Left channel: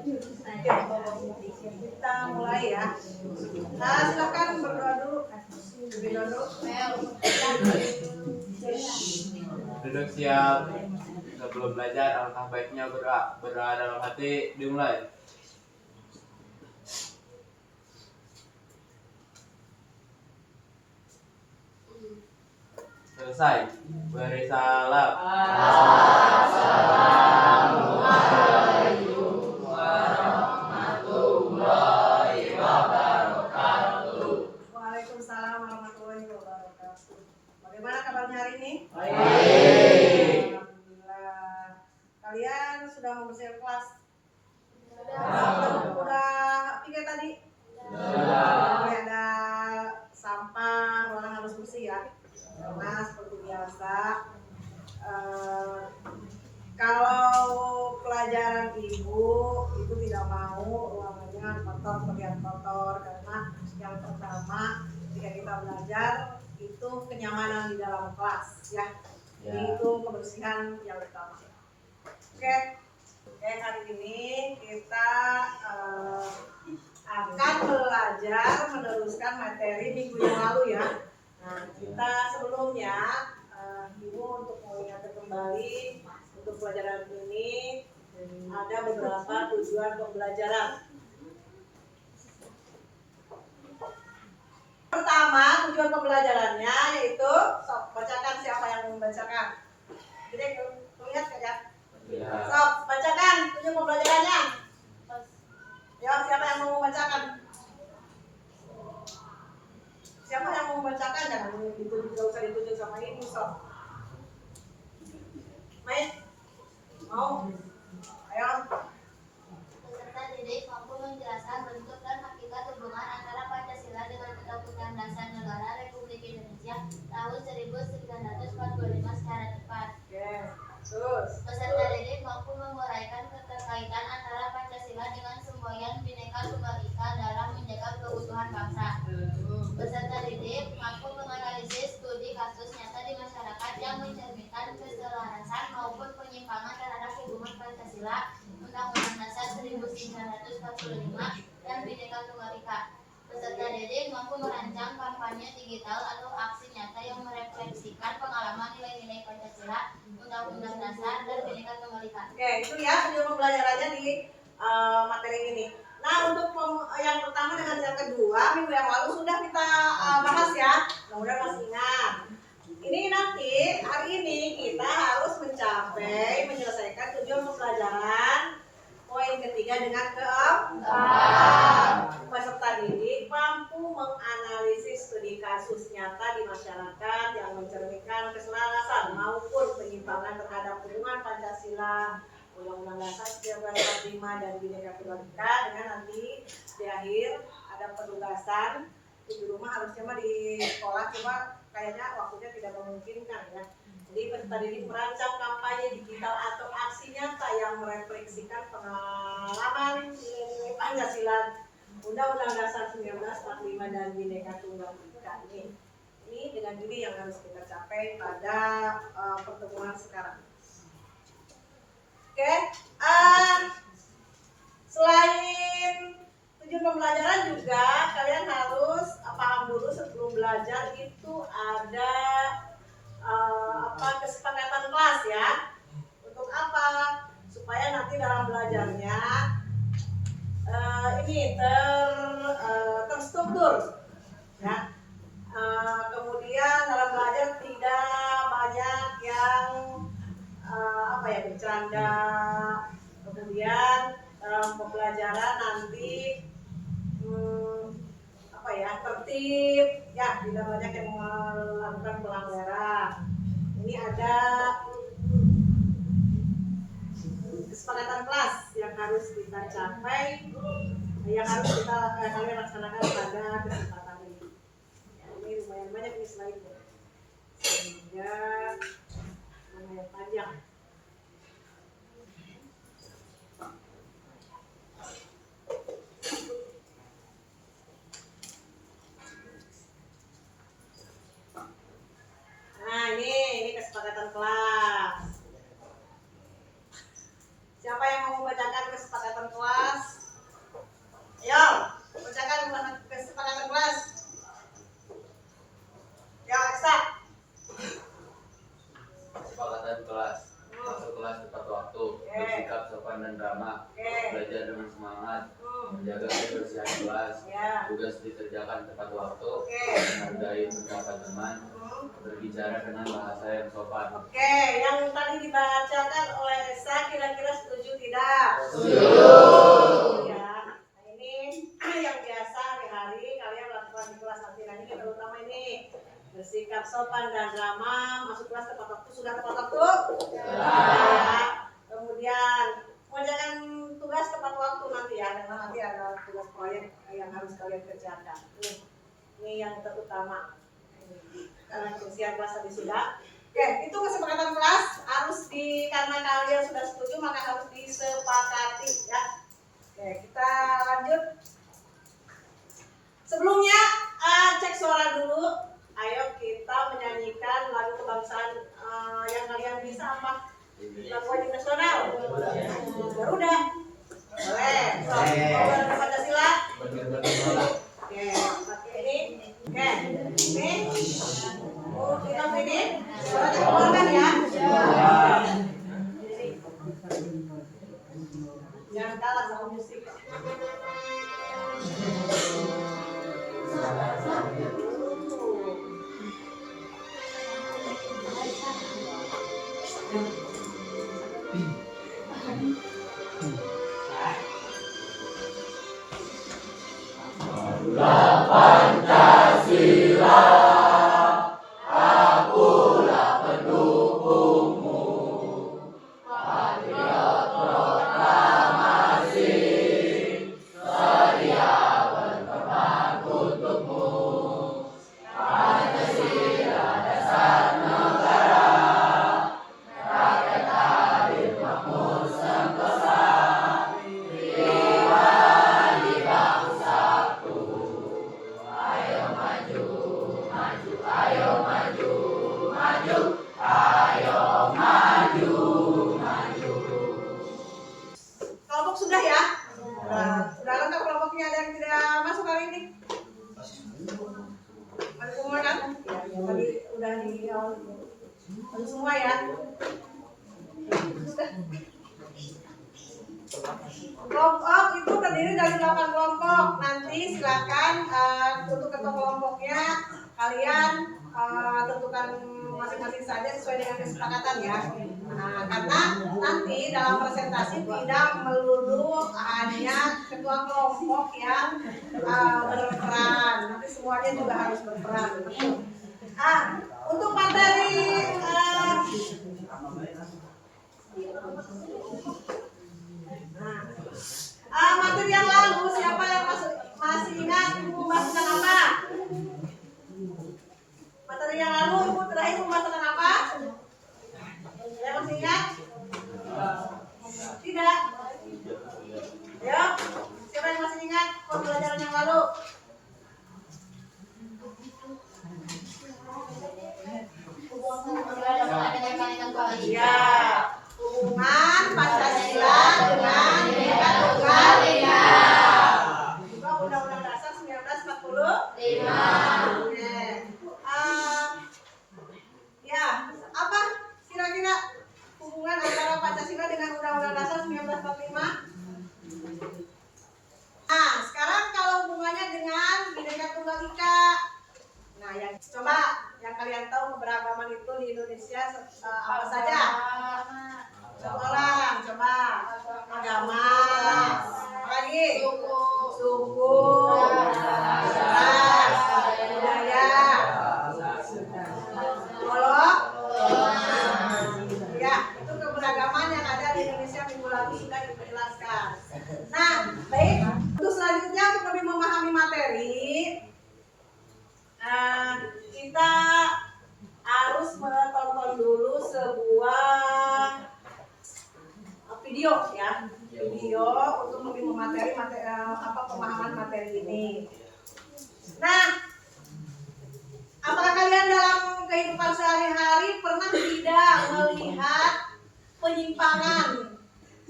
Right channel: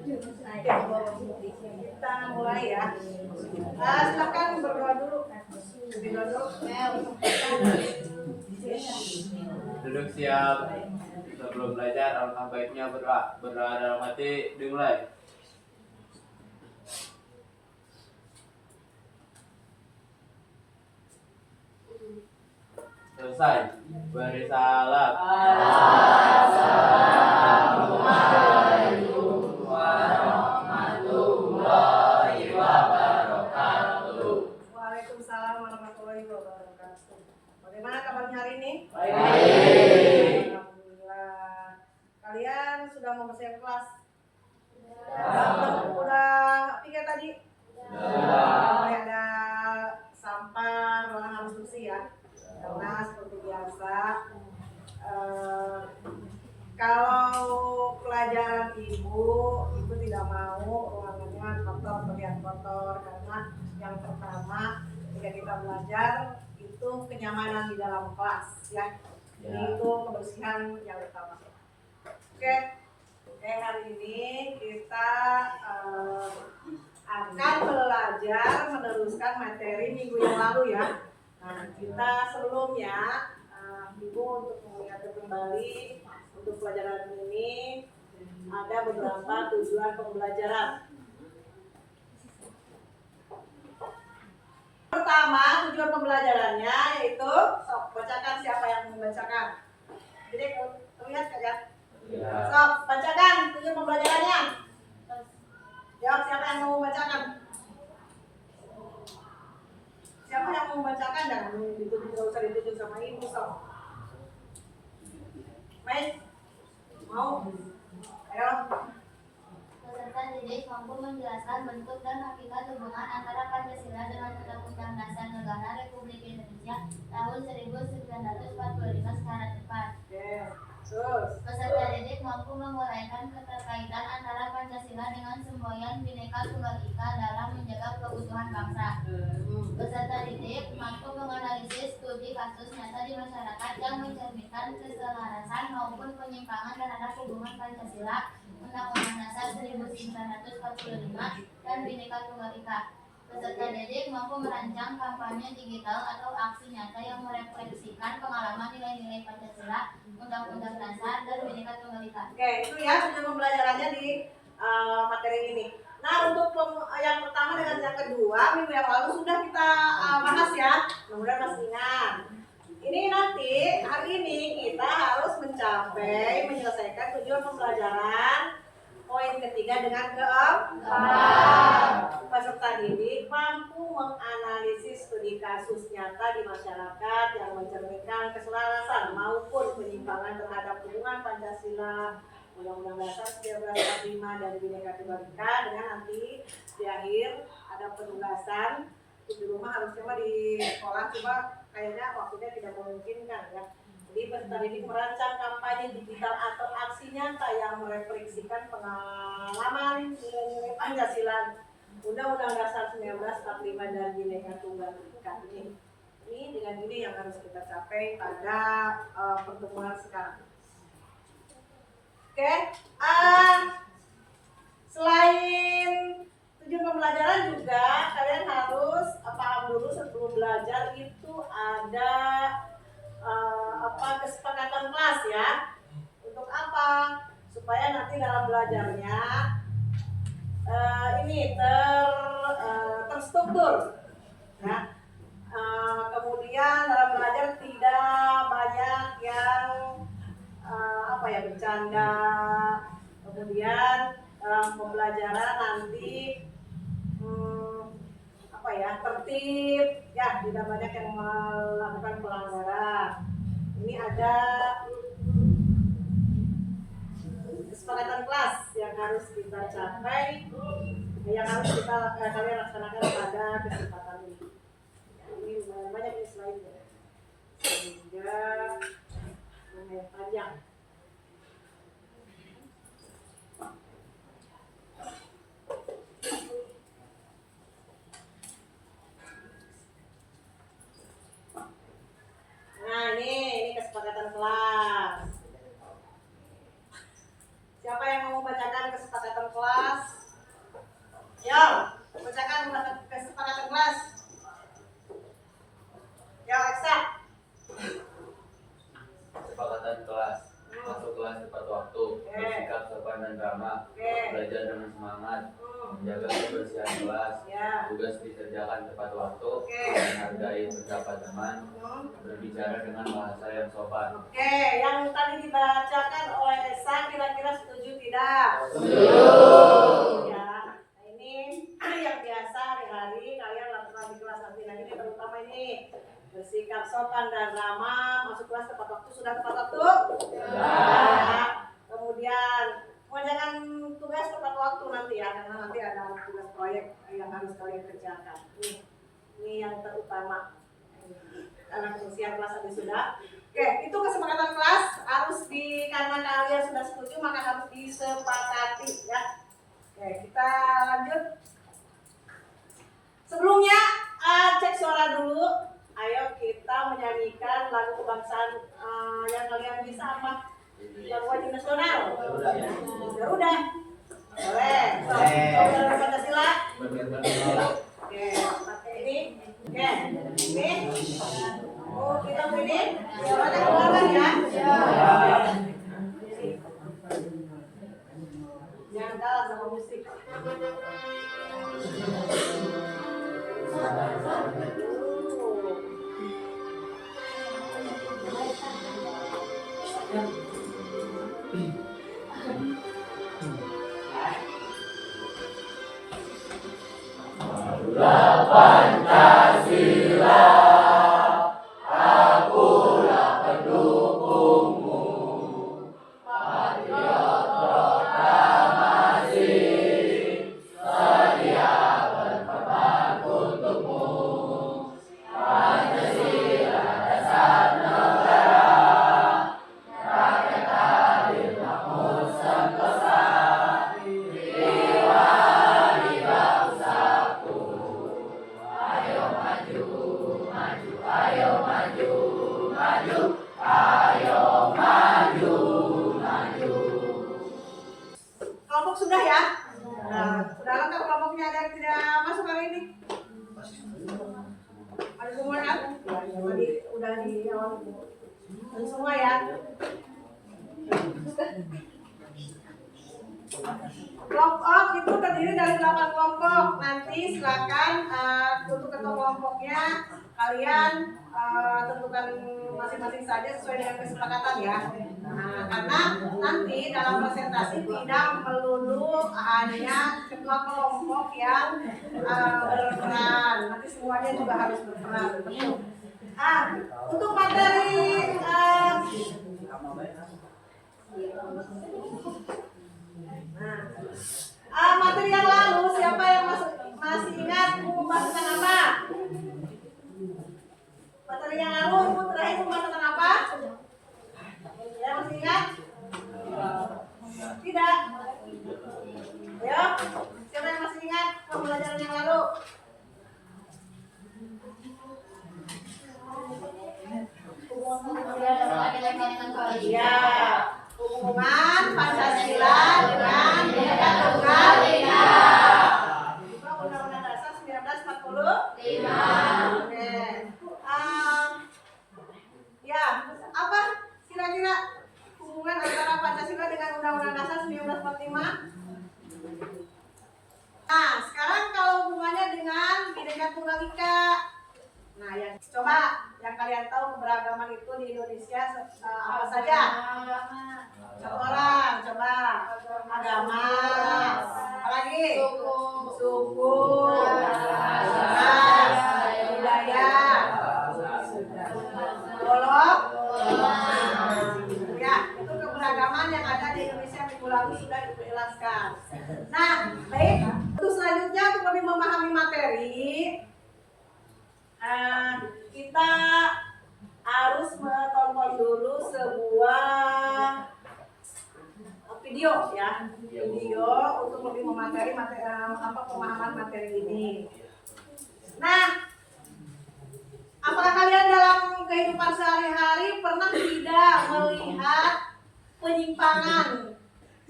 Kita mulai ya. Silakan berdoa dulu. Duduk siap. Sebelum belajar, alangkah baiknya berdoa dalam hati. Dimulai. Selesai. Beri salam. Assalamualaikum warahmatullahi wabarakatuh. Waalaikumsalam warahmatullahi wabarakatuh. Bagaimana kabarnya hari ini? Baik. Alhamdulillah. Kalian sudah mau bersiap kelas? Sudah. Udah pikir tadi? Sudah. Ada sampah, orang harus bersih ya. Karena seperti biasa, kalau pelajaran ibu itu tidak mau ruangannya kotor, terlihat kotor, karena yang pertama ketika kita belajar itu kenyamanan di dalam kelas ya. Jadi itu kebersihan yang utama. Oke, hari ini kita akan belajar meneruskan materi minggu yang lalu ya. Nah, kita sebelumnya Ibu untuk mengingatkan kembali untuk pelajaran ini ada beberapa tujuan pembelajaran. Pertama, tujuan pembelajarannya yaitu sok bacakan, siapa yang membacakan. Jadi terlihat kan ya? Ya. Sok bacakan tujuan pembelajarannya. Jawab siapa yang mau membacakan? Siapa yang mau membacakan? Jangan ditunjuk, gak usah ditunjuk sama ibu sok. Main? Mau? Ayo. Peserta didik mampu menjelaskan bentuk dan hakikat hubungan antara Pancasila dengan Undang-Undang Dasar Negara Republik Indonesia tahun 1945 secara tepat. Oke, terus. Peserta didik mampu menguraikan keterkaitan antara Pancasila dengan semboyan Bhinneka Tunggal Ika dalam menjaga keutuhan bangsa. Peserta didik mampu menganalisis studi kasus nyata di masyarakat yang mencerminkan keselarasan maupun penyimpangan terhadap hubungan Pancasila, Undang-Undang Dasar 1945 dan Bhinneka Tunggal Ika. Peserta didik mampu merancang kampanye digital atau aksi nyata yang merefleksikan pengalaman nilai-nilai Pancasila, Undang-Undang Dasar dan Bhinneka Tunggal Ika. Oke, itu ya tujuan pembelajarannya di materi ini. Nah, untuk yang pertama dengan yang kedua minggu yang lalu sudah kita bahas ya. Mudah-mudahan masih ingat. Ini nanti hari ini kita harus mencapai menyelesaikan tujuan pembelajaran poin ketiga dengan keempat. Peserta didik mampu menganalisis studi kasus nyata di masyarakat yang mencerminkan keselarasan maupun penyimpangan terhadap hubungan Pancasila, Undang-Undang Dasar 1945 dan Bhinneka Tunggal Ika, dengan nanti di akhir ada penugasan. Di rumah harusnya mah di sekolah, cuma kayaknya waktunya tidak memungkinkan ya. Jadi peserta didik merancang kampanye digital atau aksi nyata yang merefleksikan pengalaman nilai-nilai Pancasila, Undang-Undang Dasar 1945 dan Bhinneka Tunggal Ika ini. Ini dengan ini yang harus kita capai pada pertemuan sekarang. Oke, selain tujuan pembelajaran juga kalian harus paham dulu sebelum belajar itu ada kesepakatan kelas ya. Untuk apa? Supaya nanti dalam belajarnya ini terstruktur ya. Kemudian dalam belajar tidak banyak yang bercanda. Kemudian dalam pembelajaran nanti tertib ya, tidak banyak yang melakukan pelanggaran. Ini ada kesepakatan kelas yang harus kita capai, yang harus kalian laksanakan pada kesempatan ini. Ini lumayan banyak nih slide-nya, sehingga lumayan panjang. Nah, ini kesepakatan kelas. Siapa yang mau membacakan kesepakatan kelas? Oke. belajar dengan semangat, Hmm. menjaga kebersihan kelas, Ya. tugas dikerjakan tepat waktu, Oke. menghargai pendapat teman, Hmm. berbicara dengan bahasa yang sopan. Oke, yang tadi dibacakan oleh Esa kira-kira setuju tidak? Setuju. Ya. Nah, ini yang biasa hari-hari kalian lakukan di kelas nanti. Nah, ini terutama ini bersikap sopan dan ramah, masuk kelas tepat waktu. Sudah tepat waktu? Ya. Kemudian mengerjakan tugas tepat waktu nanti ya, karena nanti ada tugas proyek yang harus kalian kerjakan. Ini yang terutama. Karena krusial kelas tadi sudah. Oke, itu kesepakatan kelas karena kalian sudah setuju maka harus disepakati ya. Oke, kita lanjut. Sebelumnya cek suara dulu. Ayo kita menyanyikan lagu kebangsaan yang kalian bisa apa? Lagu wajib nasional. Garuda. Boleh. So, Garuda Pancasila. Oke, pakai ini. Oke, ini. Oh, kita ini. Suaranya keluarkan ya. Jangan kalah sama musik. Kelompok sudah ya? Sudah lengkap kelompoknya, ada yang tidak masuk hari ini? Ada semua kan? Ya, tadi udah di ada semua ya. Kelompok itu terdiri dari 8 kelompok. Nanti silakan untuk ketua kelompoknya kalian tentukan masing-masing saja sesuai dengan kesepakatan ya. Nah, karena nanti dalam presentasi tidak melulu hanya ketua kelompok yang berperan, nanti semuanya juga harus berperan. Untuk materi materi yang lalu siapa yang masih ingat pembahasan apa? Materi yang lalu ibu terakhir pembahasan apa? Saya masih ingat? Tidak? Ya? Siapa yang masih ingat pembelajaran yang lalu? Ya, hubungan Pancasila dengan Bhinneka Tunggal Ika. Juga Undang-Undang Dasar 1945. Oke. Ya, apa kira-kira hubungan antara Pancasila dengan Undang-Undang Dasar 1945? Nah, sekarang kalau hubungannya dengan Bhinneka Tunggal Ika. Nah, yang coba yang kalian tahu keberagaman itu di Indonesia apa saja? Coba agama, apalagi suku, ras, budaya, golok. Ya, itu keberagaman yang ada di Indonesia minggu lalu sudah dijelaskan. Nah, baik. Untuk selanjutnya untuk lebih memahami materi, kita harus menonton dulu sebuah video ya, video untuk lebih memateri pemahaman materi ini. Nah, apakah kalian dalam kehidupan sehari-hari pernah tidak melihat penyimpangan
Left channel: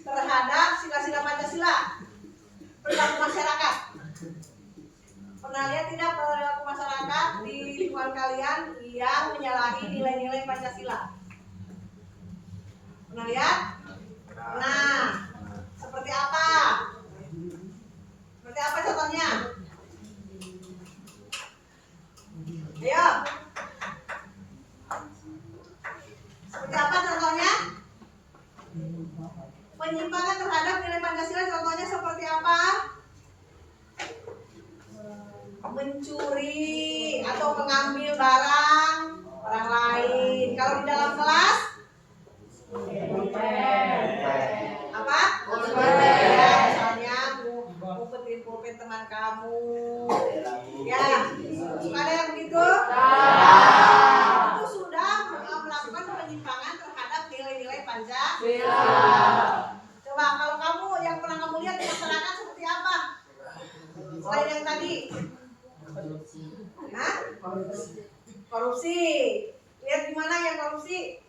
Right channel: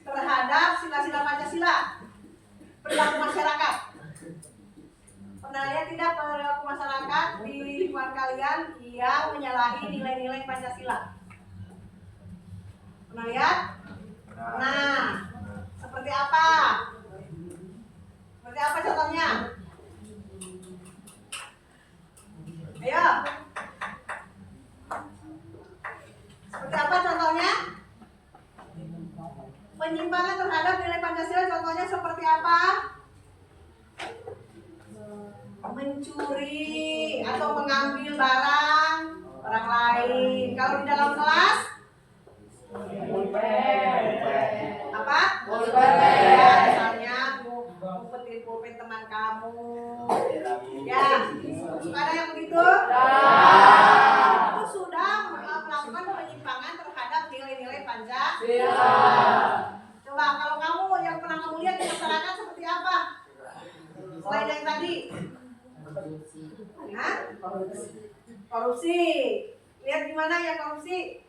terhadap sila-sila Pancasila perilaku masyarakat? Pernah lihat tidak perilaku masyarakat di lingkungan kalian yang menyalahi nilai-nilai Pancasila? Pernah lihat? Nah, Seperti apa? Seperti apa contohnya? Ayo. Seperti apa contohnya? Penyimpangan terhadap nilai Pancasila contohnya seperti apa? Mencuri atau mengambil barang orang lain. Kalau di dalam kelas apa? Ya, misalnya ngumpetin pulpen teman kamu. Ya, suka ada yang begitu? Itu sudah melakukan penyimpangan terhadap nilai-nilai Pancasila. Coba kalau kamu yang pernah kamu lihat di masyarakat seperti apa? Selain yang tadi? Hah? Korupsi. Lihat di mana yang korupsi?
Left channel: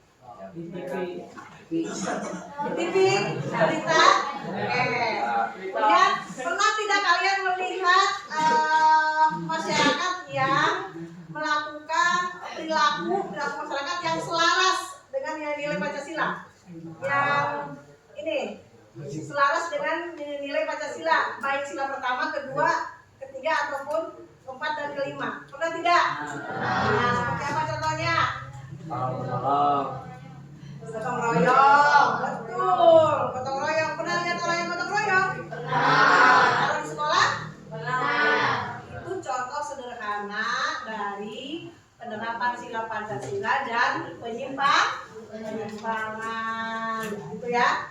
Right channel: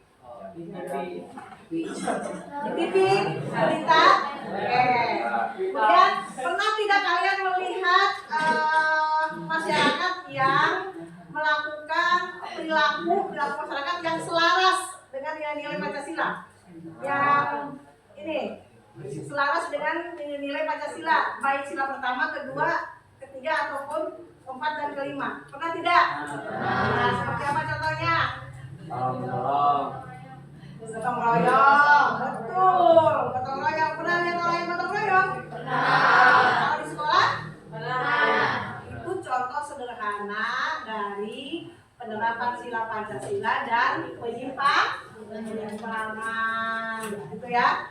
Di TV, berita. Kemudian pernah tidak kalian melihat masyarakat yang melakukan perilaku masyarakat yang selaras dengan nilai-nilai Pancasila? Yang ini selaras dengan nilai Pancasila, baik sila pertama, kedua, ketiga ataupun keempat dan kelima. Pernah tidak? Nah, seperti apa contohnya? Gotong royong, betul. Gotong royong, pernah lihat orang yang gotong royong? Pernah. Kalau di sekolah? Pernah. Itu contoh sederhana dari penerapan sila Pancasila dan penyimpangan. Gitu ya.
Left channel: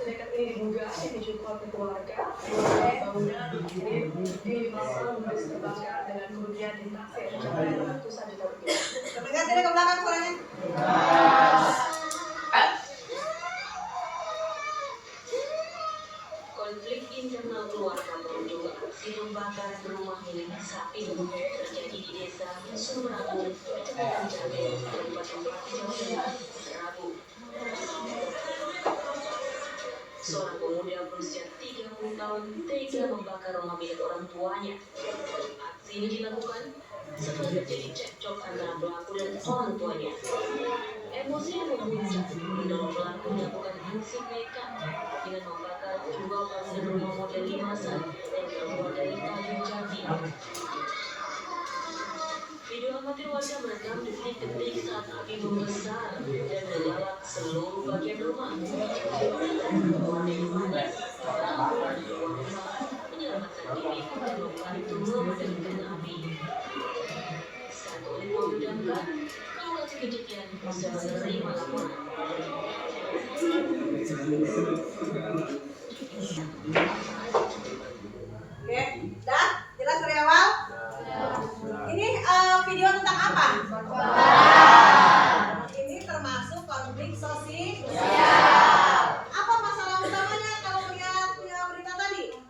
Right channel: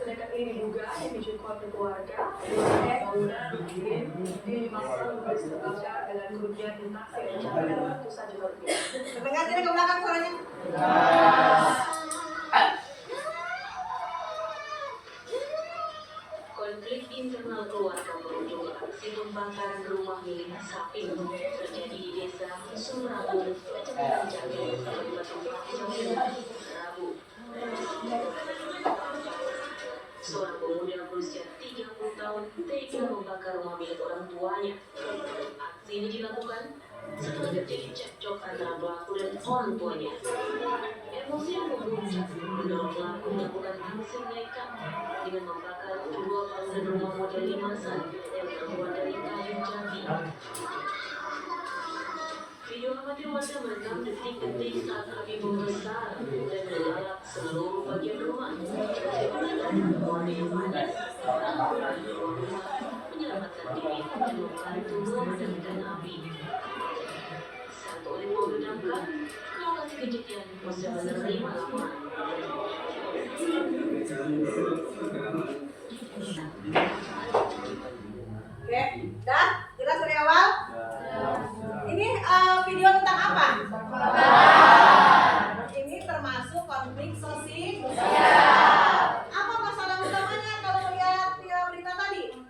Sedekat ini diduga dipicu konflik keluarga, bangunan di masa memberi terbakar dengan kerugian ditaksir mencapai ratusan juta rupiah. Kedengar tidak ke belakang suaranya? Konflik internal keluarga berujung aksi pembakaran rumah milik Sapin terjadi di desa Sumragung, Kecamatan Jagung, Kabupaten Pati, Jawa Tengah, Rabu. Seorang pemuda berusia 30 tahun tega membakar rumah milik orang tuanya. Aksi ini dilakukan setelah terjadi cekcok antara pelaku dan orang tuanya. Emosi memuncak mendorong pelaku melakukan aksi nekat dengan membakar dua bangunan rumah model limasan yang terbuat dari kayu jati. Video amatir warga merekam detik-detik saat api membesar dan menyala seluruh bagian rumah. Menyelamatkan diri dan membantu memadamkan api. Satu unit mobil damkar lokasi kejadian sudah menerima laporan. Oke, dah jelas dari awal? Ini video tentang apa? Ini termasuk konflik sosial. Apa masalah utamanya kalau melihat berita tadi?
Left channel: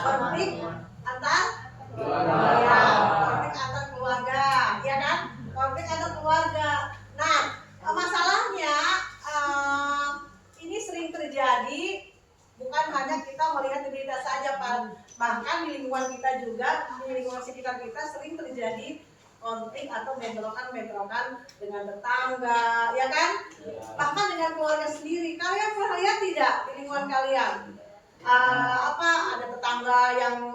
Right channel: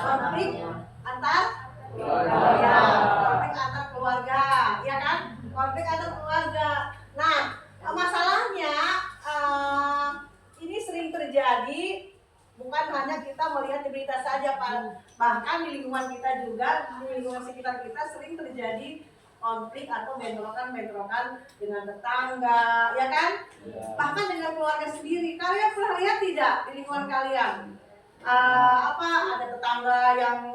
Konflik antar keluarga, ya kan? Konflik antar keluarga. Nah, masalahnya ini sering terjadi. Bukan hanya kita melihat di berita saja, bahkan di lingkungan kita juga, di lingkungan sekitar kita sering terjadi konflik atau bentrokan dengan tetangga, ya kan? Bahkan dengan keluarga sendiri. Kalian pernah lihat tidak di lingkungan kalian? Ada tetangga yang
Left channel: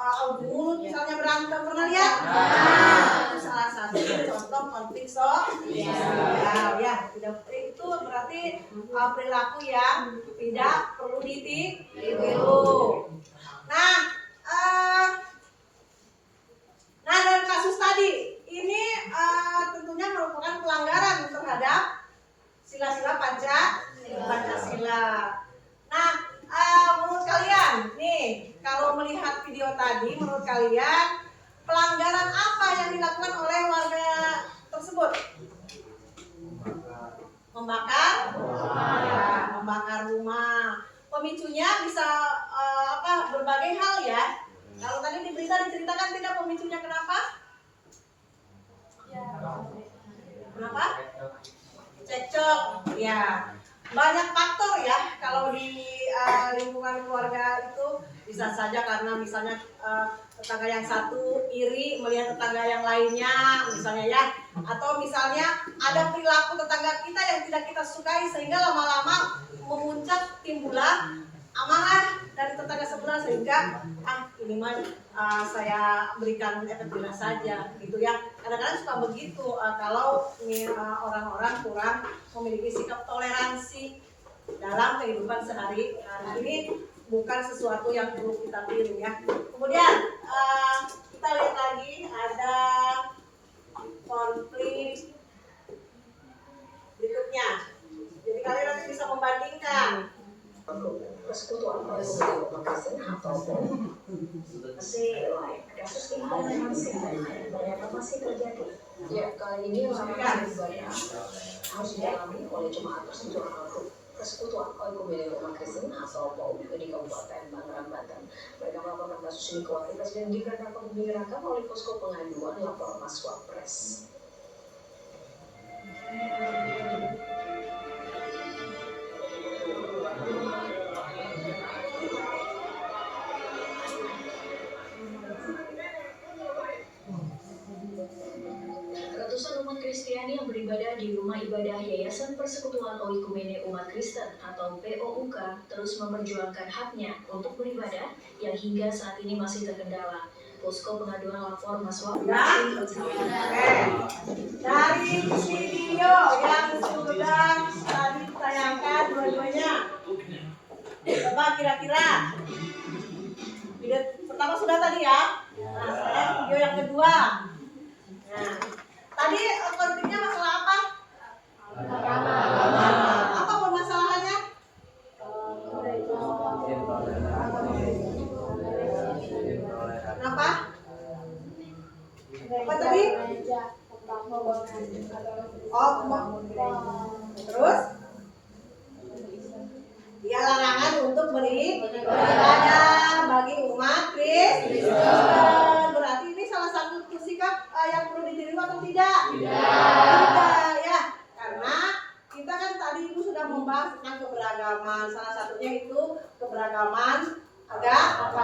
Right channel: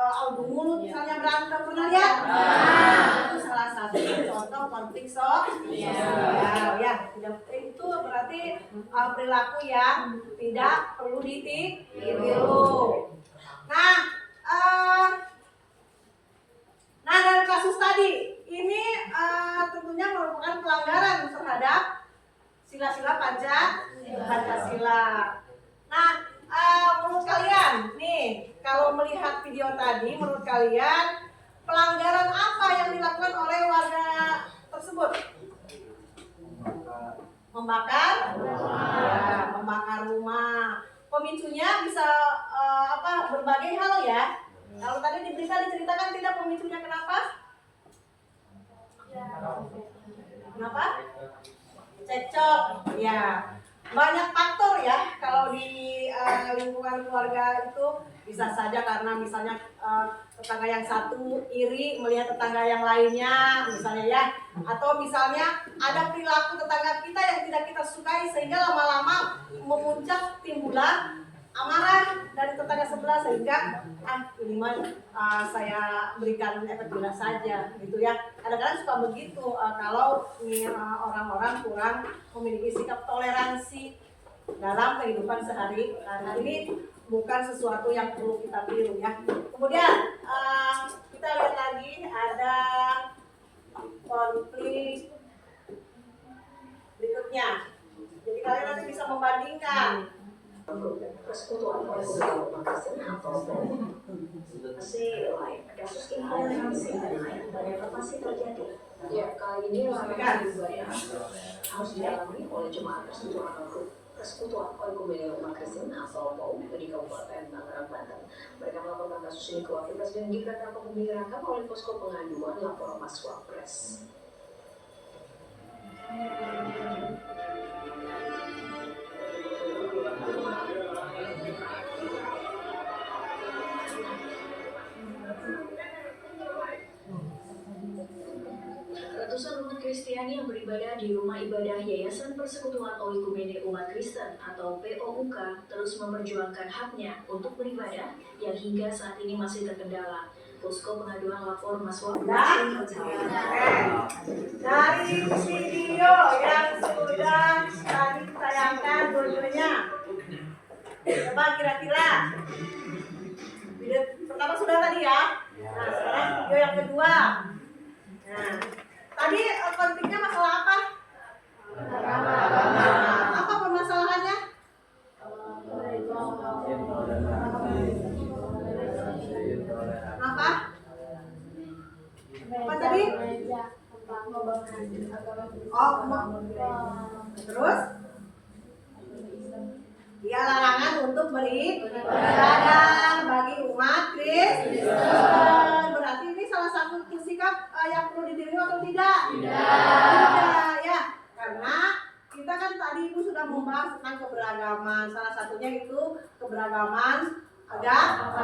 adu mulut misalnya berantem, pernah lihat? Itu salah satu contoh konflik sosial. Ya, itu berarti perilaku yang tidak perlu ditiru. Nah, dari kasus tadi ini tentunya merupakan pelanggaran terhadap sila-sila Pancasila. Nah, menurut kalian nih, kalau melihat video tadi, menurut kalian pelanggaran apa yang dilakukan oleh warga tersebut? Membakar rumah. Pemicunya bisa berbagai hal ya. Kalau tadi di berita diceritakan tidak pemicunya kenapa? Kenapa? Cekcok. Ya. banyak faktor ya kalau di lingkungan keluarga itu, bisa saja karena misalnya tetangga yang satu iri melihat tetangga yang lainnya misalnya ya, atau misalnya ada perilaku tetangga kita yang tidak kita sukai sehingga lama-lama memuncak timbulan amarah dari tetangga sebelah, sehingga ini mah saya berikan efek jelas saja gitu ya. Kadang-kadang suka begitu kalau orang-orang kurang memiliki sikap toleransi dalam kehidupan sehari-hari. Ini bukan sesuatu yang perlu kita tiru ya. Kemudian kita lihat lagi ada konflik berikutnya. Jadi kalian nanti bisa membandingkan. Persekutuan Komunitas Umat Kristen atau masih lain kasus intoleransi banyak masih terjadi. Ya, kali ini ibadah harus dialami oleh jemaat persekutuan atau Persekutuan Oikumene Umat Kristen atau POUM di Kabupaten Tangerang, Banten. Mereka melaporkan kasus ini ke Wakil Presiden Gibran Rakabuming Raka oleh posko pengaduan lapor Mas Wapres. Ratusan umat Kristiani yang beribadah di rumah ibadah Yayasan Persekutuan Oikumene Umat Kristen atau POUK terus memperjuangkan haknya untuk beribadah yang hingga saat ini masih terkendala. Posko pengaduan lapor Mas Wapres Dari video yang sudah tadi ditayangkan dua-duanya, coba kira-kira video pertama sudah tadi ya. Nah, sekarang video yang kedua. Nah, tadi konfliknya masalah apa? Apa permasalahannya? Apa? Apa tadi? Oh, terus? Dia larangan untuk beribadah bagi umat Kristen. Berarti ini salah satu sikap yang perlu ditiru atau tidak? Tidak ya, karena kita kan tadi Ibu sudah membahas tentang keberagaman. Salah satunya itu keberagaman agama.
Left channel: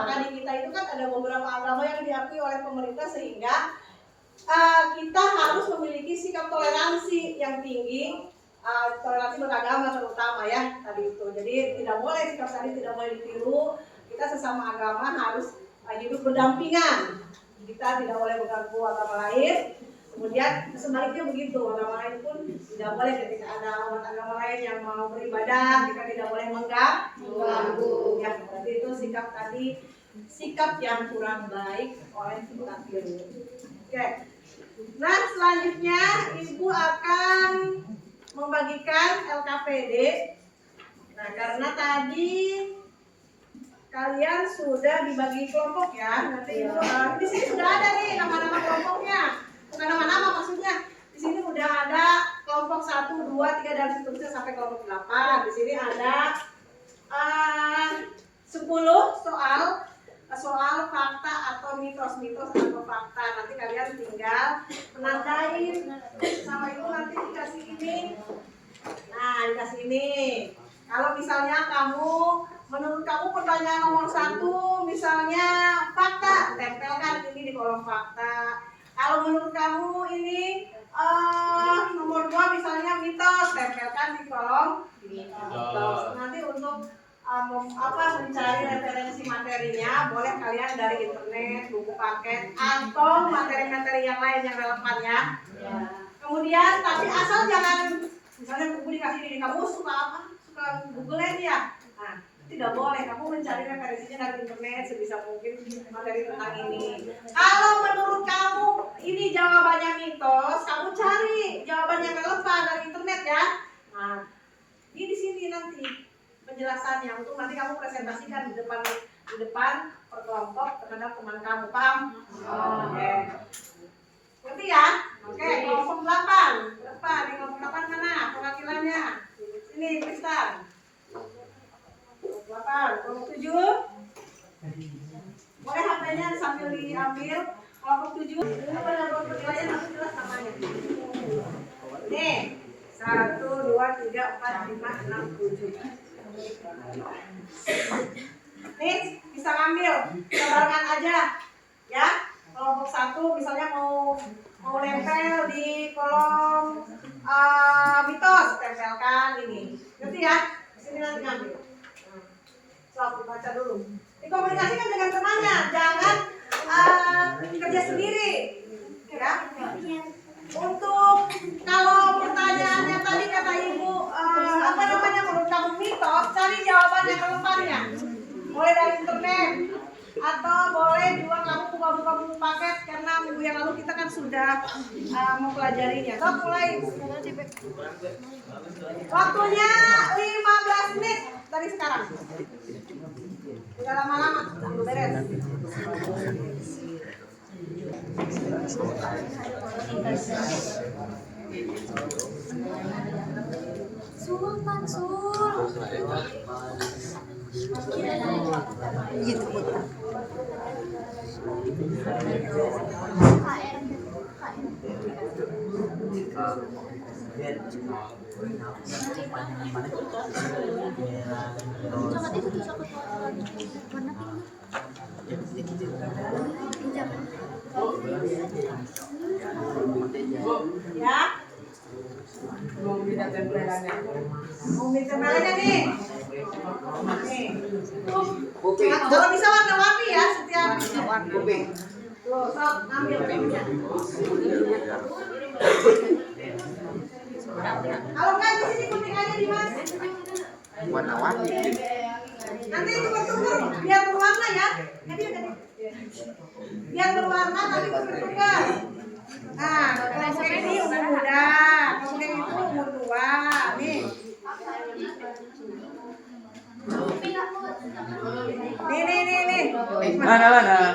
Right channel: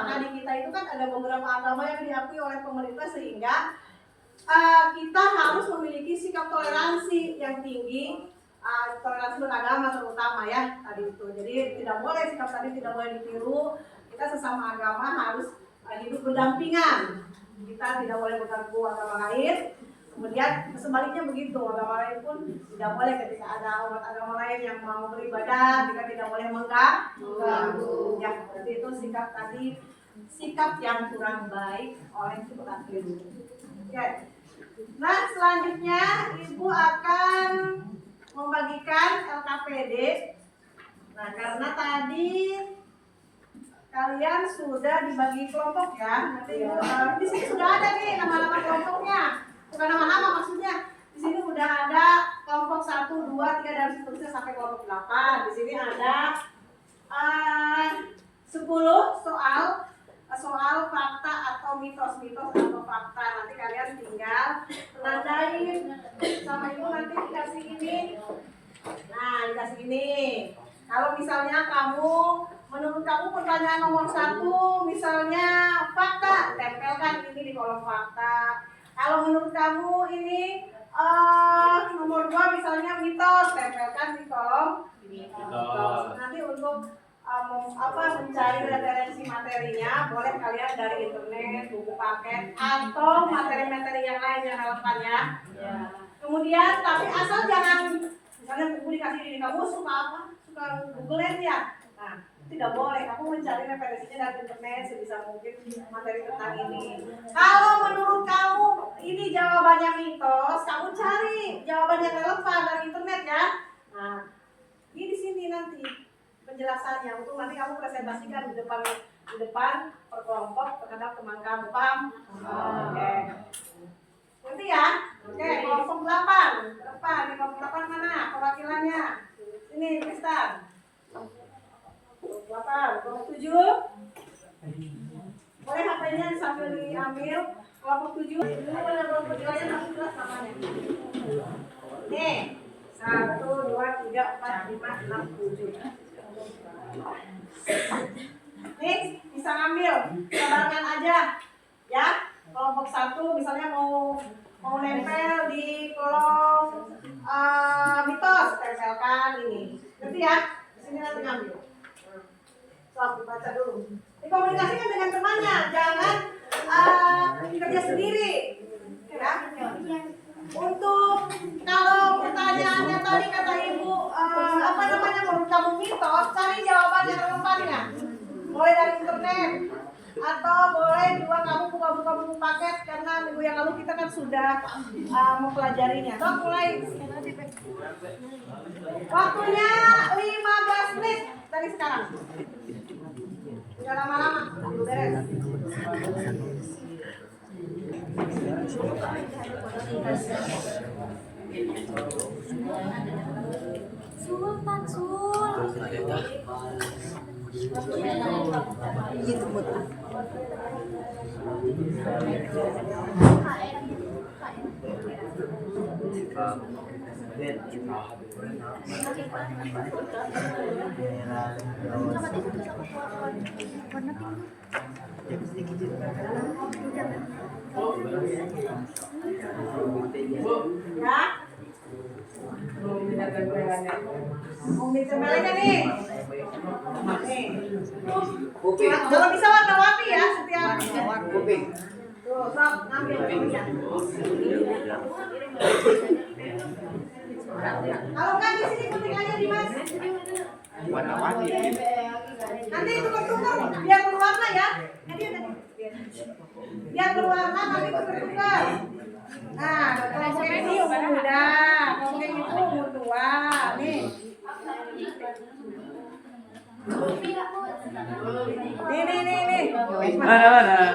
Maka di kita itu kan ada beberapa agama yang diakui oleh pemerintah, sehingga kita harus memiliki sikap toleransi yang tinggi, toleransi beragama terutama ya tadi itu. Jadi tidak boleh, sikap tadi tidak boleh ditiru. Kita sesama agama harus hidup berdampingan. Kita tidak boleh mengganggu agama lain. Kemudian sebaliknya begitu, agama lain pun tidak boleh, ketika ada umat agama lain yang mau beribadah, kita tidak boleh mengganggu. Ya, berarti itu sikap tadi, sikap yang kurang baik oleh kita tiru. Oke. Nah, selanjutnya Ibu akan membagikan LKPD. Nah, karena tadi kalian sudah dibagi kelompok ya. Nanti Ibu di sini sudah ada nih nama-nama kelompoknya. Bukan nama-nama maksudnya. Di sini udah ada kelompok 1, 2, 3 dan seterusnya sampai kelompok 8. Di sini ada 10 soal fakta atau mitos atau fakta. Nanti kalian tinggal menandain sama Ibu, nanti dikasih ini. Nah, dikasih ini. Kalau misalnya menurut kamu pertanyaan nomor 1 misalnya fakta, tempelkan ini di kolom fakta. Kalau menurut kamu ini nomor 2 misalnya mitos, tempelkan di kolom mitos. Nanti untuk mencari referensi materinya, boleh kalian dari internet, buku paket, atau materi-materi yang lain yang relevan ya. Kemudian, tapi asal jangan, misalnya buku dikasih ini, kamu suka apa? Suka Google-in ya? Nah, tidak boleh, kamu mencari referensinya dari internet sebisa mungkin materi tentang ini. Kalau menurut kamu ini jawabannya mitos, kamu cari jawaban yang relevan dari internet ya. Nah, ini di sini nanti penjelasannya untuk nanti kamu presentasikan di depan perkelompok terhadap teman kamu, paham? Oke. Ngerti ya? Oke, kelompok 8 ke depan. Di kelompok 8 mana perwakilannya? Ini Tristan. Kelompok 8, kelompok 7. Boleh HP-nya sambil diambil. Kelompok 7. Ini pada kelompok 7 aja nanti jelas namanya. Nih, 1, 2, 3, 4, 5, 6, 7. Nih, bisa ngambil, bisa barengan aja, ya. Kelompok 1 misalnya mau nempel di kolom mitos, tempelkan ini. Ngerti ya? Di sini nanti ngambil. Sok, dibaca dulu. Dikomunikasikan dengan temannya, jangan kerja sendiri. Ya. Untuk kalau pertanyaannya tadi kata ibu apa namanya menurut kamu mitos, cari jawabannya terlemparnya. Boleh dari internet atau boleh juga kamu buka-buka buku paket karena minggu yang lalu kita kan sudah mempelajarinya. Sok mulai. Waktunya 15 menit dari sekarang. Tidak lama-lama, dulu beres. Sultan Sul. Ya. Mau tempelannya nih. Nih. Kalau bisa warna-warni ya setiap. Tuh, sok ngambil. Kalau kan di sini penting aja Dimas. Warna-warni. Nanti tukar-tukar biar berwarna ya. Biar berwarna nanti tukar-tukar. Nah, kelompok yang ini umur muda, kelompok yang itu umur tua. Nih. Nih. Mana?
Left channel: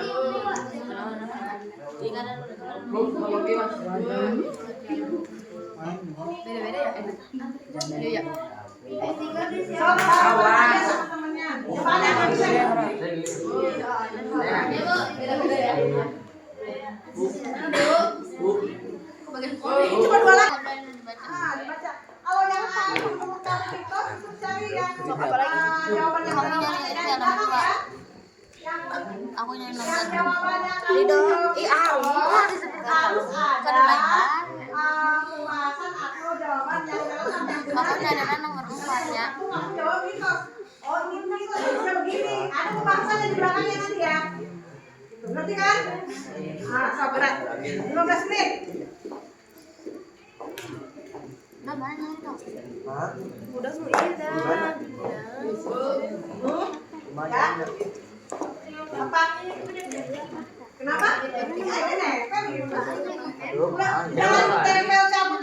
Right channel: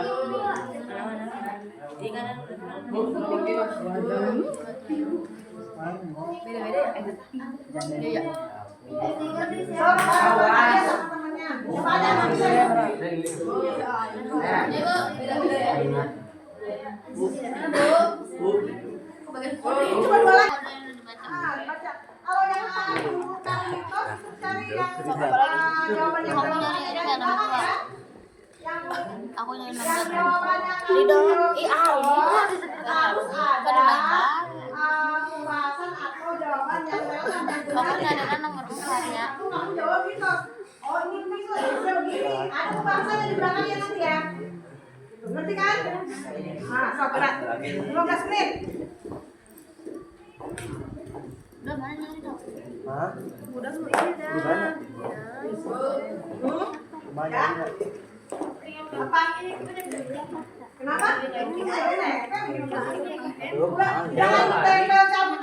Sok, aja sama temennya. Coba ada yang bisa. Coba dua lagi. Dibaca. Kalau yang menurut kamu mitos, itu cari yang jawabannya Kamu nyari ini yang nomor 2. Aku nyari nomor jawabannya Lido. Disebut harus kada lain kan. pembahasan atau jawaban yang Kamu nyari nomor 4 ya. kamu jawab mitos. Oh ini mitos bisa begini. Ada pembahasannya di belakangnya nanti ya. Gitu, ngerti kan? Ah, sok berat. 15 menit. Udah mana nyari tuh? Udah mau ini dah. Ya. Apa? Kenapa? Ini nempel gitu. Udah, jangan tempel cabut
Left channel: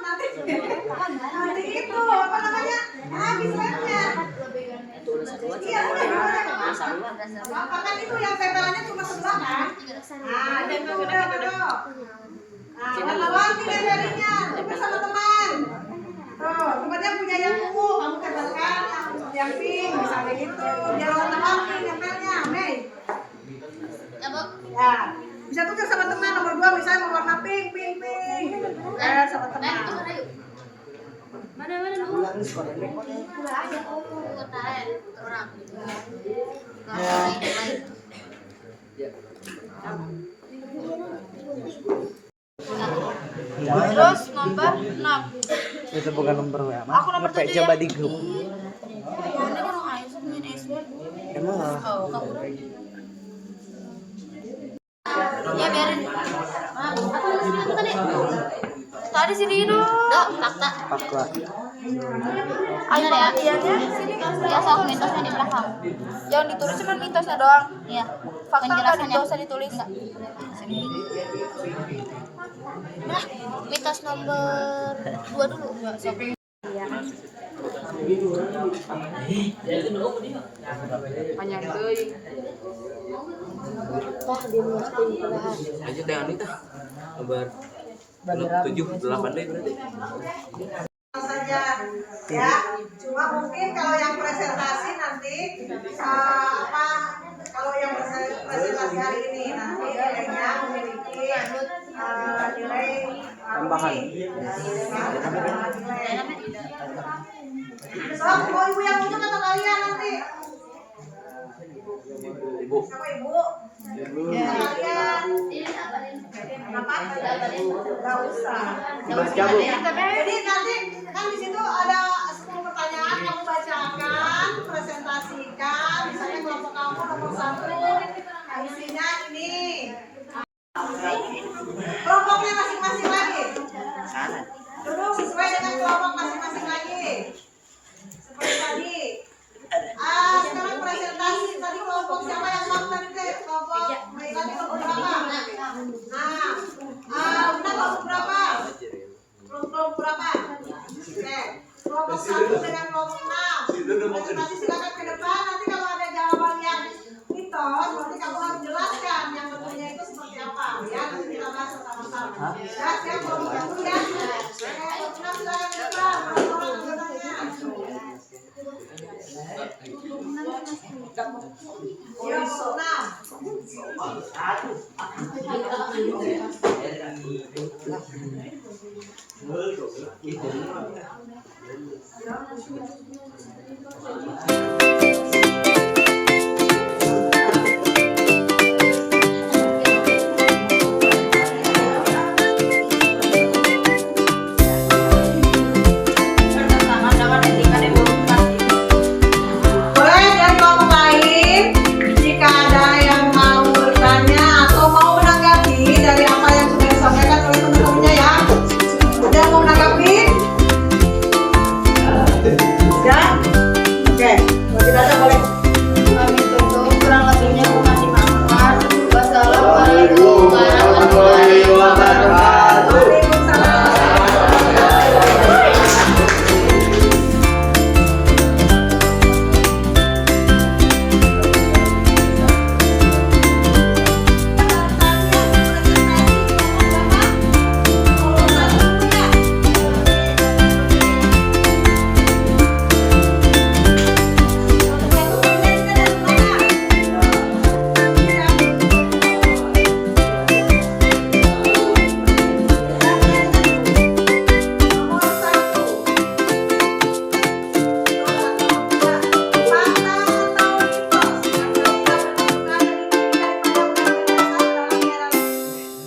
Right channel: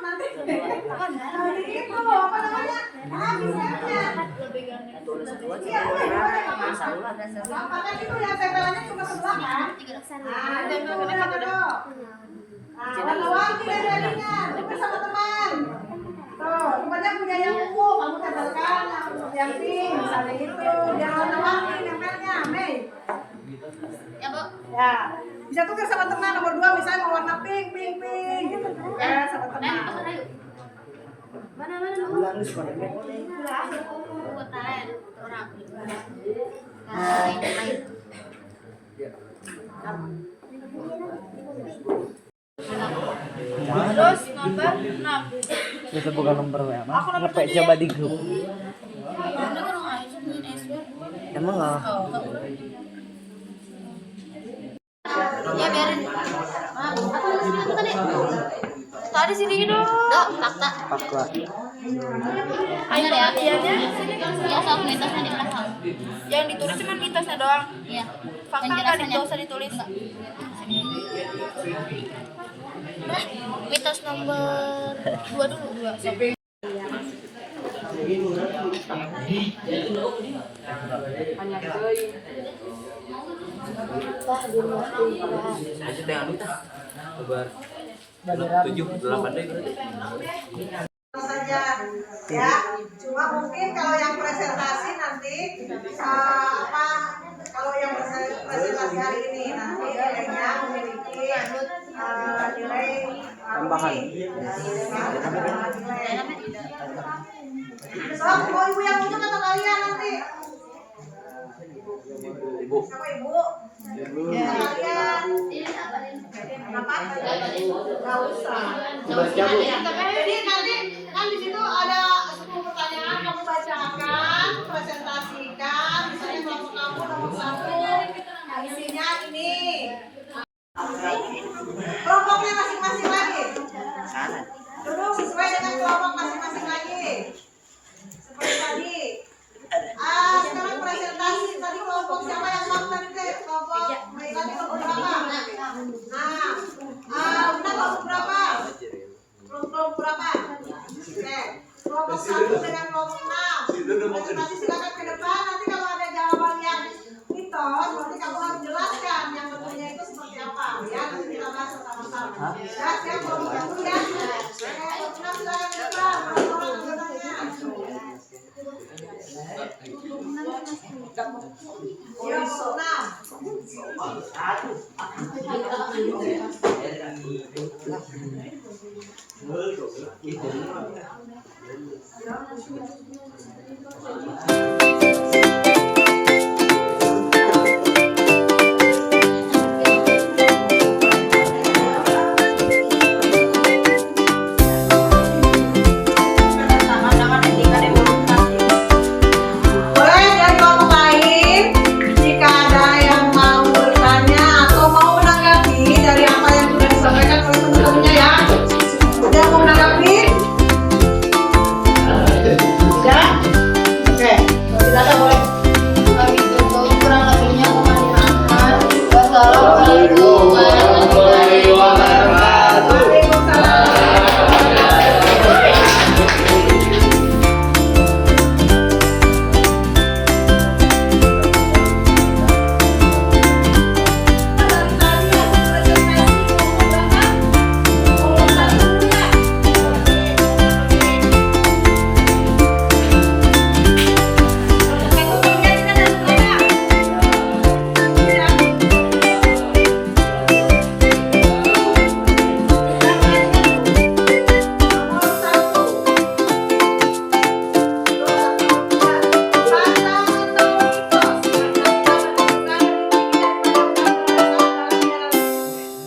nanti. Nanti itu apa namanya? Habis lemnya. Iya, udah masalah. Apa kan itu yang tempelannya cuma sebelah kan? Nah, itu udah betul. Nah, warna-warni dan jadinya, juga sama teman. Tuh, temannya punya yang ungu, kamu tempelkan yang pink, misalnya gitu. Jangan warna-warni nempelnya, Mei. Ya, Bu. Ya, bisa tukar sama teman nomor 2 misalnya mau warna pink. Ya, sama teman. Mana lu? Ulang sekolah. Terus nomor 6. Itu bukan nomor WA. Aku nomor 7 ya. Coba di grup. Ini kan Aisyah punya SD. Emang Ya biarin. Aku tadi. Tadi sini dulu. Dok, fakta. Fakta. Ayo latihannya sini. Ya, sok mitosnya di belakang. Yang ditulis cuma mitosnya doang. Iya. Fakta nggak usah ditulis. Nah, mitos nomor 2 dulu. Hanya tuh. Aja tengah itu. Kabar. 7-8 deh berarti. Saja ya, cuma mungkin kalau yang presentasi nanti kalau yang presentasi hari ini nanti nilainya memiliki nilai tambahan. nilai Ibu. Siapa ibu? Kalian Ini apa nih? kenapa? Gak usah. Bebas cabut. Jadi nanti kan di situ ada 10 pertanyaan, kamu bacakan, presentasikan, misalnya kelompok kamu nomor 1, isinya ini. Kelompoknya masing-masing lagi. Duduk sesuai dengan kelompok masing-masing lagi. Seperti tadi. Sekarang presentasi tadi kelompok siapa yang mau tadi teh? Kelompok tadi kelompok berapa? Nah, udah kelompok berapa? Kelompok berapa? Oke. Kelompok 1 dengan kelompok 6. Presentasi silakan ke depan. Nanti kalau ada jawaban yang mitos, nanti kamu harus jelaskan yang betulnya itu seperti apa. Ya, nanti kita bahas sama-sama. Ya, siap kelompok 1 ya. Kelompok 6 silakan ke depan. Orang anggotanya. Ya, kelompok 6. Boleh dari kelompok lain jika ada yang mau bertanya atau mau menanggapi dari apa yang sudah disampaikan oleh teman-temannya ya. Ada yang mau menanggapi? Ya? Oke, kalau tidak ada boleh. Kami tutup, kurang lebihnya kami maafkan. Wassalamualaikum warahmatullahi wabarakatuh. Waalaikumsalam.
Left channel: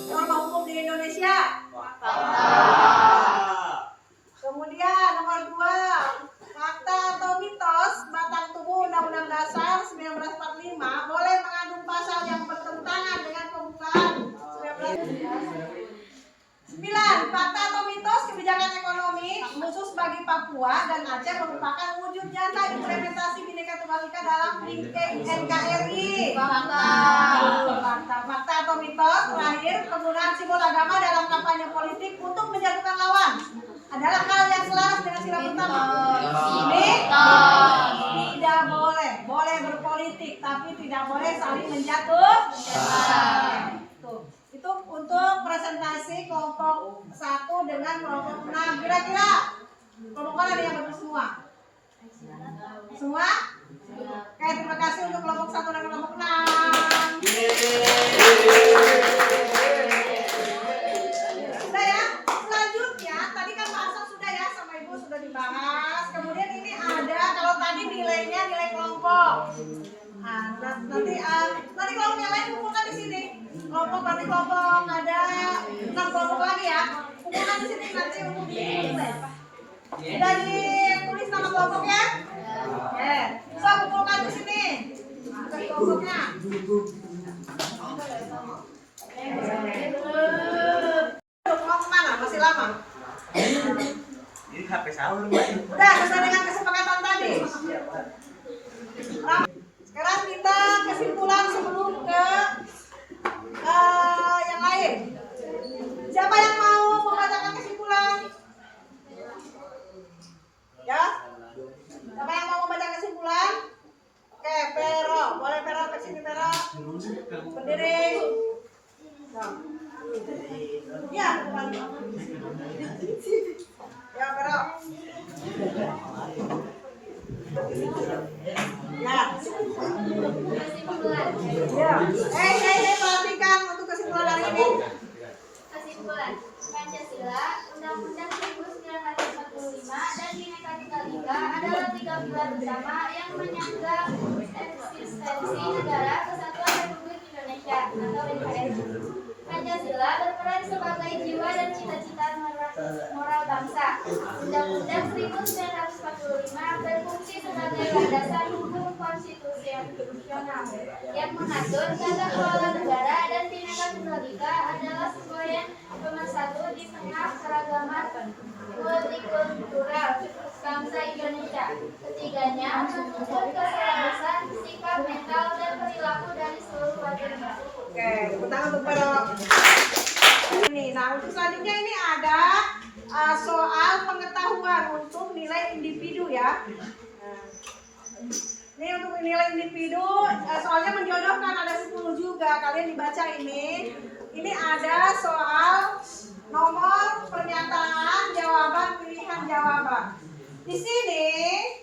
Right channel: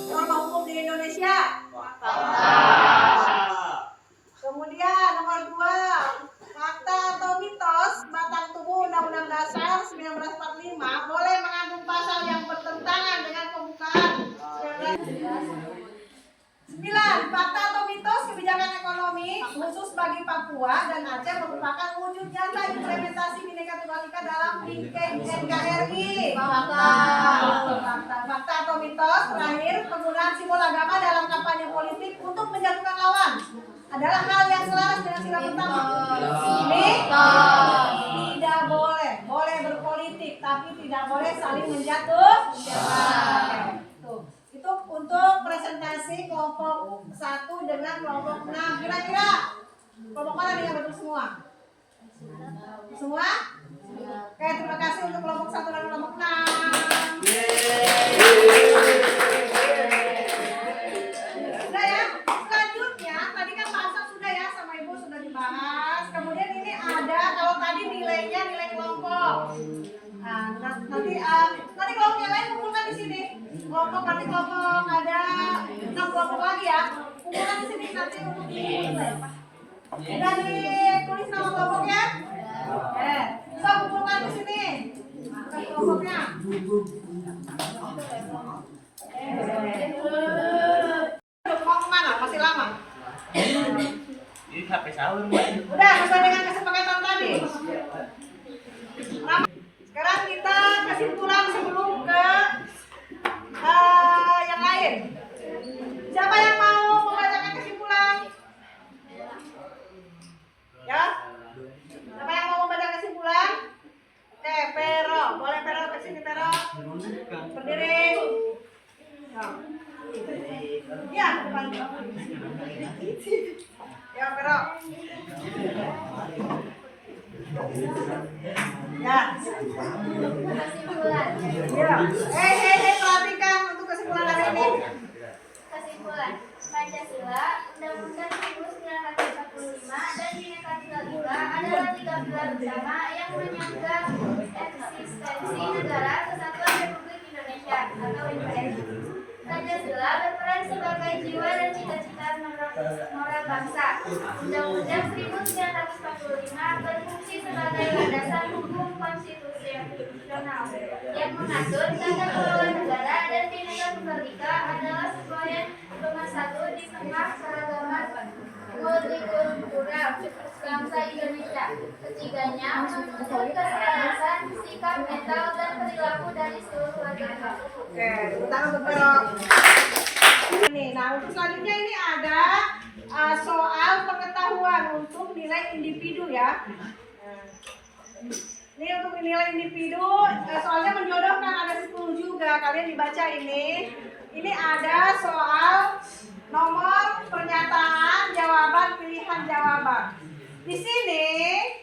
Norma hukum di Indonesia. Kemudian nomor 2, fakta atau mitos batang tubuh Undang-Undang Dasar 1945 boleh mengandung pasal yang bertentangan dengan pembukaan 9. Fakta atau mitos kebijakan ekonomi khusus bagi Papua dan Aceh merupakan wujud nyata implementasi Bhinneka Tunggal Ika dalam NKRI. Fakta atau mitos terakhir, penggunaan simbol agama dalam kampanye politik untuk menjatuhkan lawan adalah hal yang selaras dengan sila pertama. Ini tidak boleh. Boleh berpolitik tapi tidak boleh saling menjatuhkan. Itu untuk presentasi kelompok 1 dengan kelompok 6. Kira-kira kelompok mana yang betul semua? Semua? Oke, terima kasih untuk kelompok 1 dan kelompok 6. Sudah ya? Selanjutnya, tadi kan bahasa sudah ya, sama Ibu sudah dibahas. Kemudian ini ada, kalau tadi nilainya nilai kelompok. Nah, nanti kelompok yang lain kumpulkan di sini. Nanti kelompok ada 6 kelompok lagi ya. Kumpulkan di sini nanti untuk dinilai. Sudah ditulis nama kelompoknya? Oke. So, kumpulkan di sini. Bukan kelompoknya. Mau kemana? Masih lama? Ini HP sahur, Udah sesuai dengan kesepakatan tadi. Sekarang kita kesimpulan sebelum ke yang lain. Siapa yang mau membacakan kesimpulan? Ya? Siapa yang mau membaca kesimpulan? Oke, Pero. Boleh Pero ke sini, Pero. Berdiri. Ya, depan. Ya, Pero. Ya. Kesimpulan. Ya. Perhatikan untuk kesimpulan hari ini. Kesimpulan. Pancasila, Undang-Undang 1945 dan Bhinneka Tunggal Ika adalah 3 pilar utama yang menyangga eksistensi Negara Kesatuan Republik Indonesia atau NKRI. Pancasila berperan sebagai jiwa dan cita-cita moral bangsa. Undang-Undang 1945 berfungsi sebagai landasan hukum konstitusional yang mengatur tata kelola negara dan Bhinneka Tunggal Ika adalah semboyan pemersatu di tengah keragaman multikultural bangsa Indonesia. Ketiganya menuntut keselarasan sikap mental dan perilaku dari seluruh warga negara. Oke, tepuk tangan untuk Pero. Ini, nah untuk selanjutnya ini ada soal pengetahuan untuk nilai individu ya. Ini untuk nilai individu, soalnya menjodohkan ada 10 juga. Kalian dibaca ini. Ini ada soal nomor pernyataan, jawaban, pilihan jawaban. Di sini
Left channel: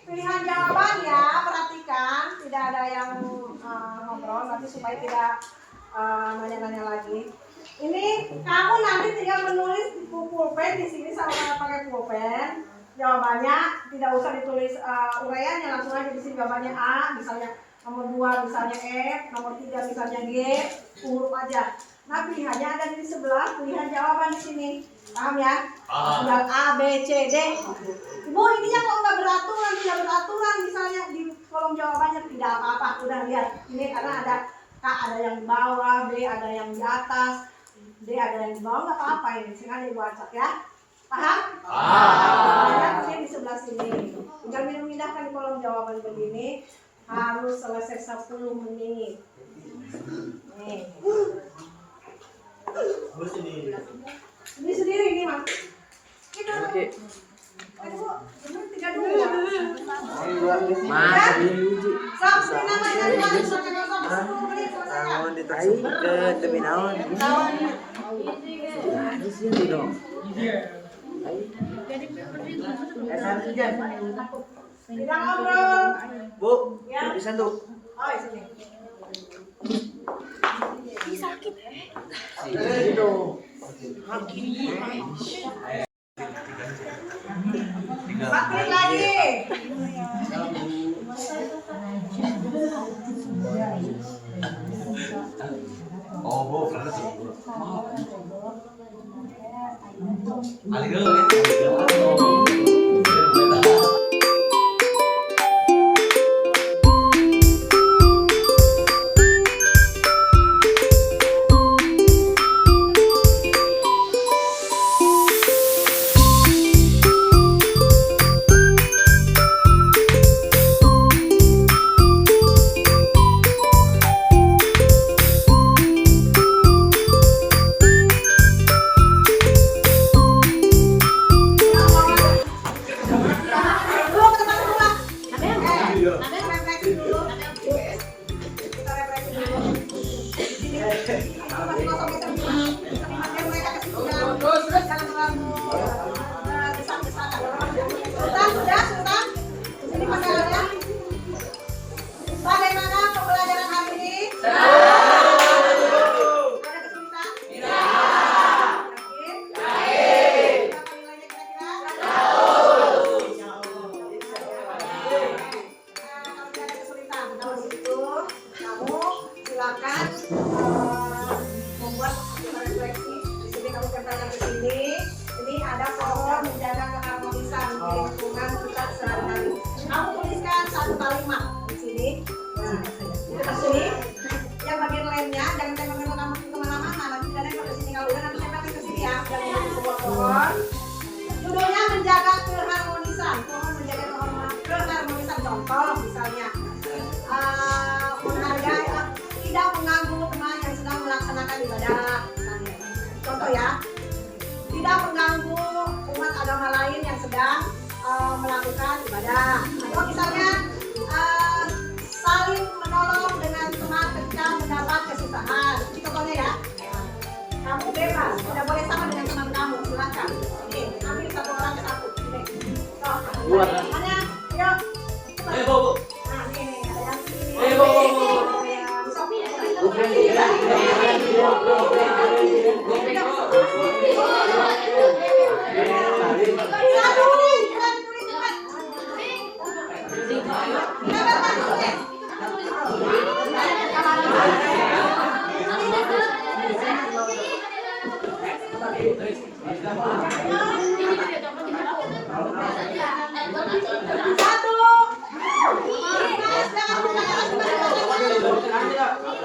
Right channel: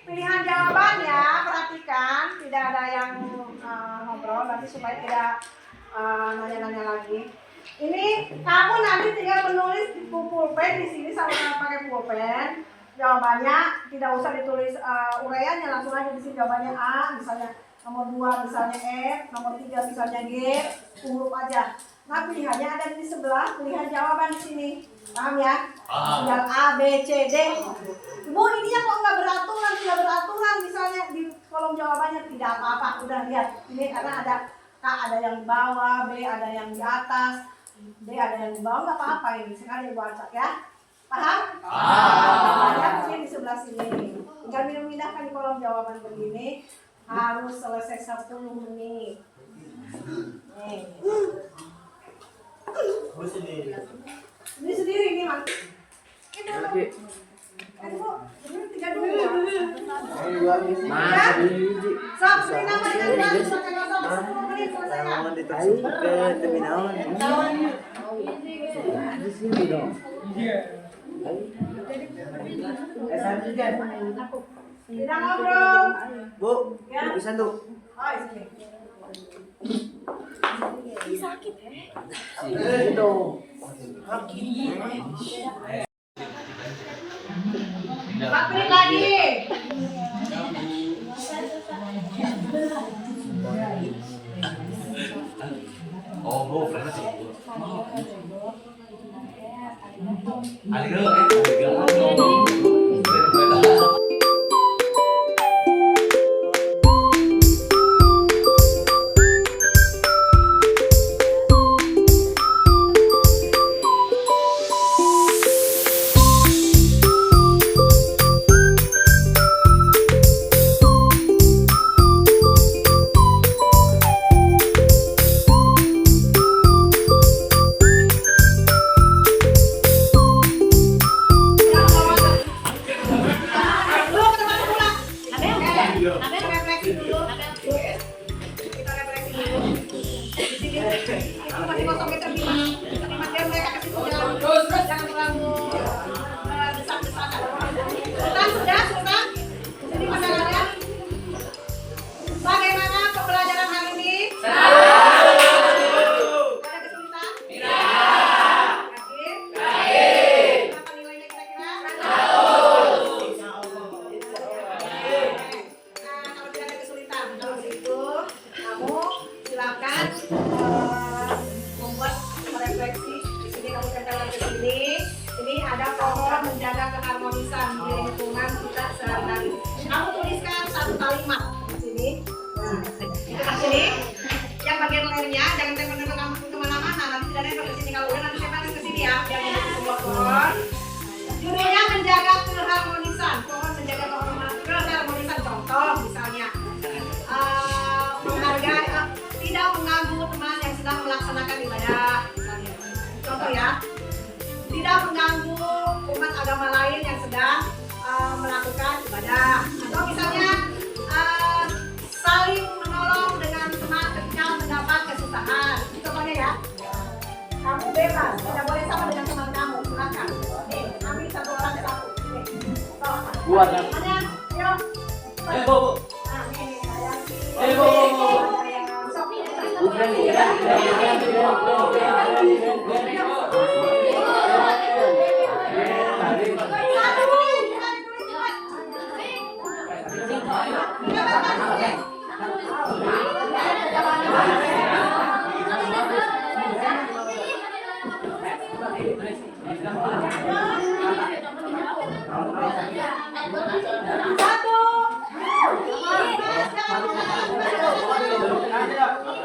pilihan jawabannya perhatikan, tidak ada yang ngobrol, nanti supaya tidak nanya-nanya lagi. Ini kamu nanti tinggal menulis di pulpen di sini sama pakai pulpen. Jawabannya tidak usah ditulis uraiannya, langsung aja di sini jawabannya A, misalnya nomor 2 misalnya E, nomor 3 misalnya G, huruf aja. Nah pilihannya ada di sebelah pilihan jawaban di sini, paham ya? Tinggal A, B, C, D. Ibu ini yang kok nggak beraturan, misalnya di kolom jawabannya tidak apa-apa. Udah lihat ini karena ada K ada yang di bawah, B ada yang di atas, D ada yang di bawah, nggak apa-apa ini. Sekarang ibu acak ya. Paham? Banyak di sebelah sini. Tinggal pindah-pindahkan di kolom jawaban begini. Harus selesai 10 menit. Nih. Ini sendiri ini mas. Ini dulu. Ayo bu, ini 32. Mas, Sok, ini namanya harus pakai bahasa 10 menit selesai. mau ditasuk ke terminal. Di sini dong. Tidak ngobrol. Bu, Ya. bisa tuh. Oh, di sini. Gitu. Pakai lagi. Oh, bu, karena sih. Ali dulu ya.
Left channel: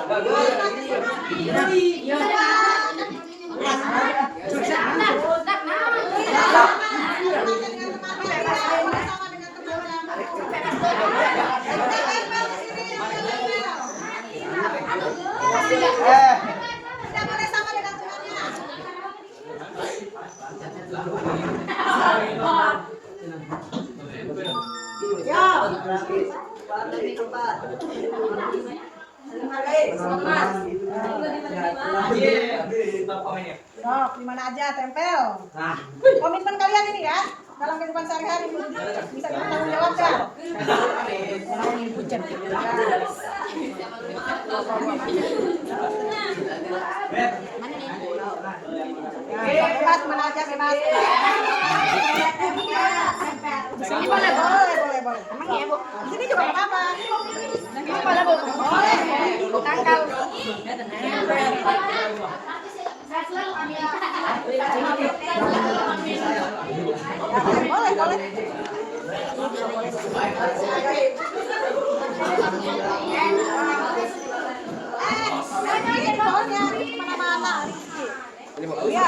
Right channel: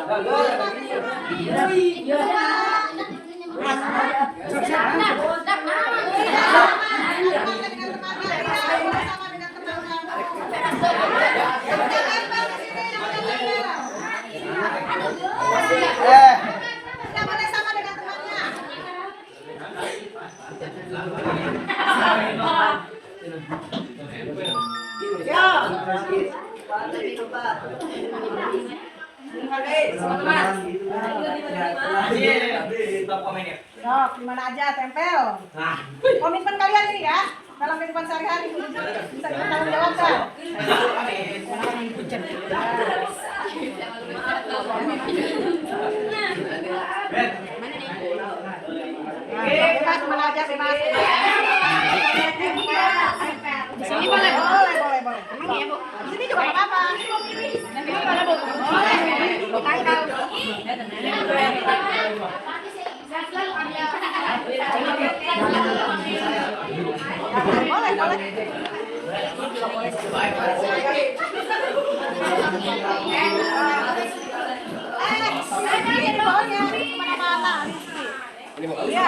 Sama dengan temannya. Sok, gimana aja tempel. Komitmen kalian ini ya dalam kehidupan sehari-hari bisa bertanggung jawab kan? Ya, bebas mana aja bebas. Di sini boleh. Emang iya, Bu? Di sini juga enggak apa. Emang boleh, Bu? Boleh. Tangkal. Boleh, boleh. Ini di bawahnya, kemana-mana. Iya.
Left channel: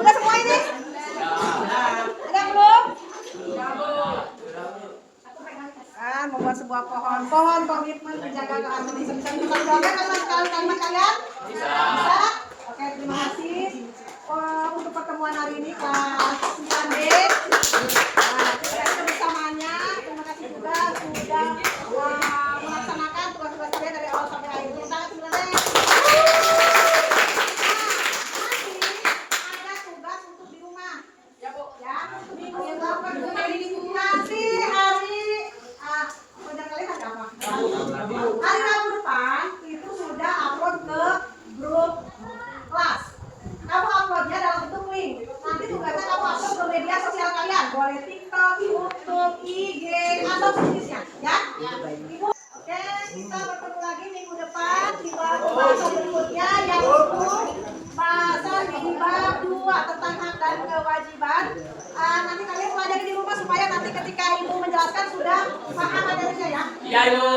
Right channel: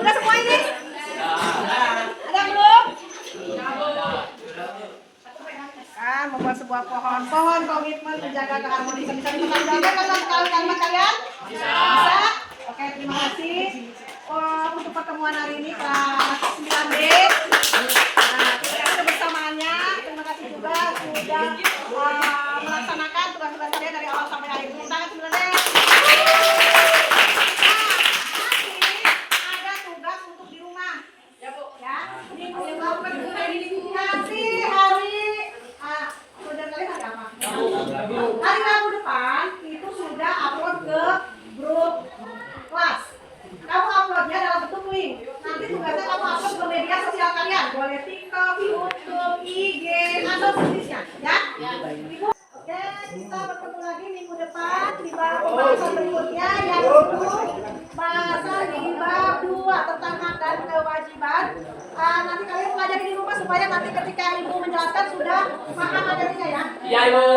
Udah semua ini? Ada belum? Membuat sebuah pohon komitmen menjaga keharmonisan. Bisa dipertanggungjawabkan kalimat kalian? Bisa? Oke, terima kasih untuk pertemuan hari ini kelas 9D. Nah, terima kasih kebersamaannya. Terima kasih juga sudah melaksanakan tugas-tugas kalian dari awal sampai akhir. Terima kasih 9D. Ada tugas untuk di rumah. Ya, Bu. Ya. Ini melakukan komunikasi hari proyek kalian ada apa? Hari Rabu depan itu sudah upload ke grup kelas. Kamu uploadnya dalam bentuk link. Nanti tugasnya kamu upload ke media sosial kalian. Boleh TikTok, YouTube, IG, atau sejenisnya. Ya? Oke, kita bertemu lagi minggu depan di bahasan berikutnya yaitu bahasan di bab 2 tentang hak dan kewajiban. Nanti kalian pelajari di rumah supaya nanti ketika ibu menjelaskan sudah paham materinya ya. Iya, Ibu.